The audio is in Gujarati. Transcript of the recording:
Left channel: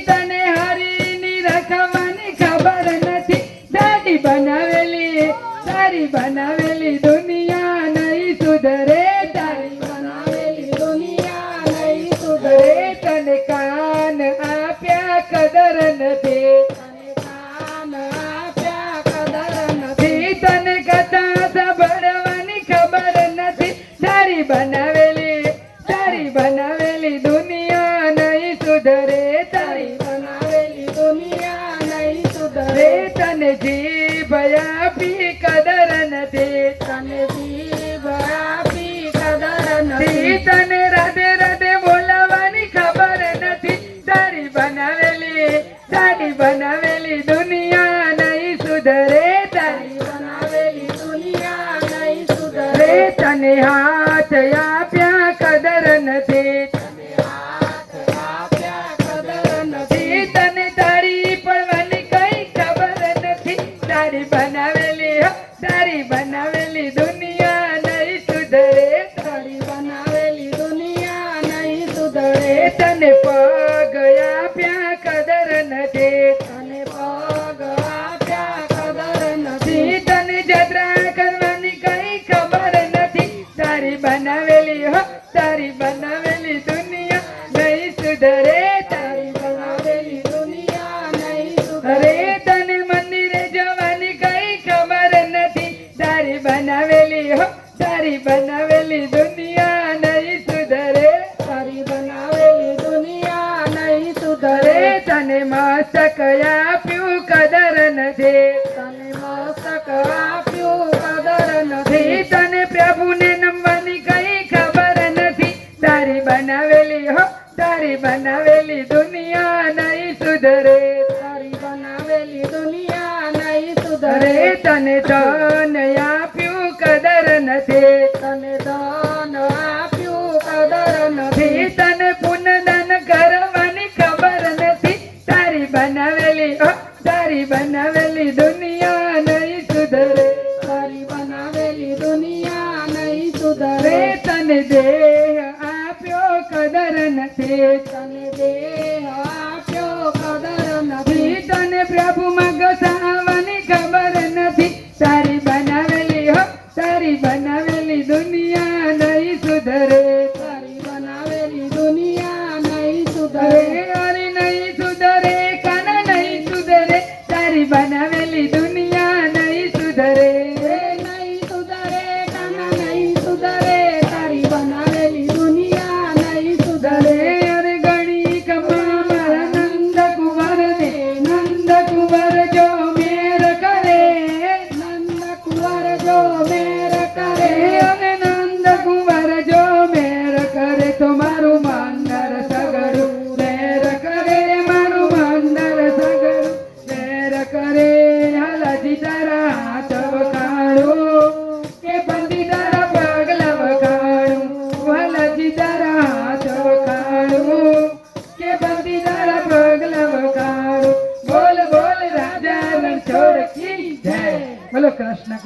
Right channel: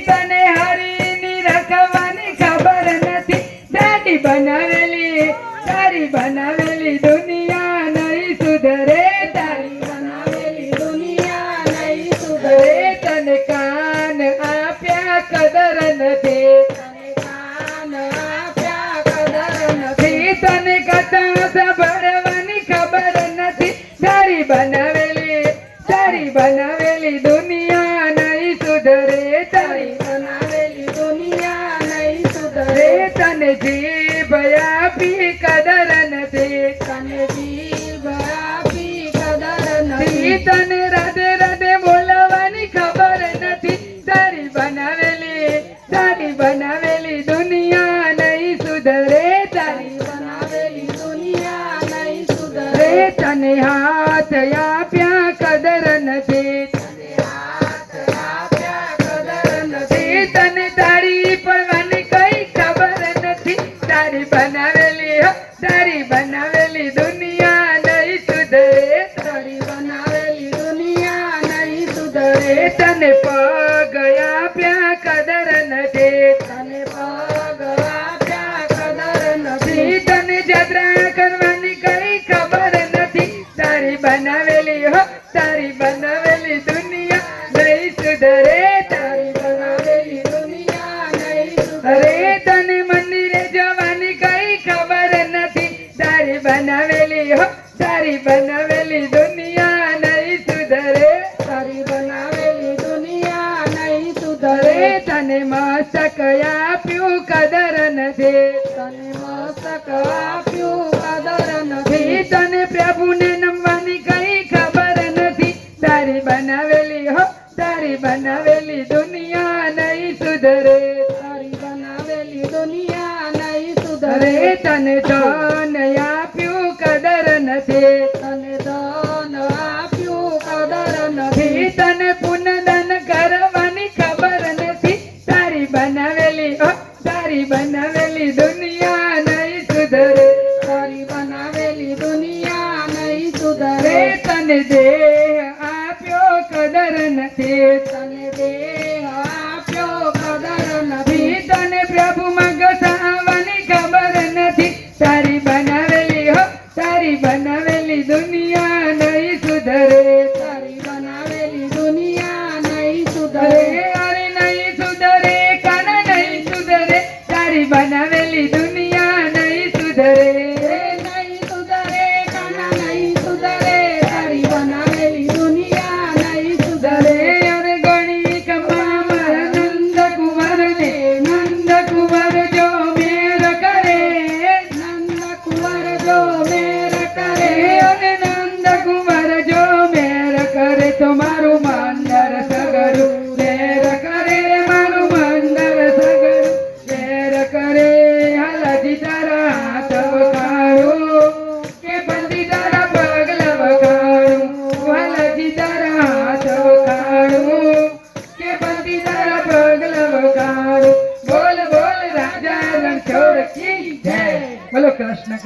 તને હરીની રખવાની ખબર નથી દાઢી બનાવેલી તારી બનાવેલી દુનિયા નહીં સુધરે તારી બનાવેલી દુનિયા નહીં સુધરે તને કાન આપ્યા કદર નથી તને કાન આપ્યા કદર નથી તને કથા સાંભળવાની ખબર નથી તારી બનાવેલી દુનિયા નહીં સુધરે તારી બનાવેલી દુનિયા નહીં સુધરે તને જીભ આપી કદર નથી તને જીભ આપી કદર નથી તને રાધે રાધે બોલાવવાની ખબર નથી તારી બનાવેલી દુનિયા નહીં સુધરે તારી બનાવેલી દુનિયા નહીં સુધરે તને હાથ આપ્યા કદર નથી તને હાથ આપ્યા કદર નથી તને તારી પડવાની કઈ ખબર નથી તારી બનાવેલી દુનિયા નહીં સુધરે તારી બનાવેલી દુનિયા નહીં સુધરે તને પગ આપ્યા કદર નથી તને પગ આપ્યા કદર નથી તને જત્રા કરવાની કઈ ખબર નથી તારી બનાવેલી દુનિયા નહીં સુધરે તારી બનાવેલી દુનિયા નહીં સુધરે તને મંદિરે જવાની કઈ ખબર નથી તારી બનાવેલી દુનિયા નહીં સુધરે તારી બનાવેલી દુનિયા નહીં સુધરે તને મસ્તક આપ્યું કદર નથી તને મસ્તક આપ્યું કદર નથી તને પ્રભુને નમવાની કઈ ખબર નથી તારી બનાવેલી દુનિયા નહીં સુધરે તારી બનાવેલી દુનિયા નહીં સુધરે તને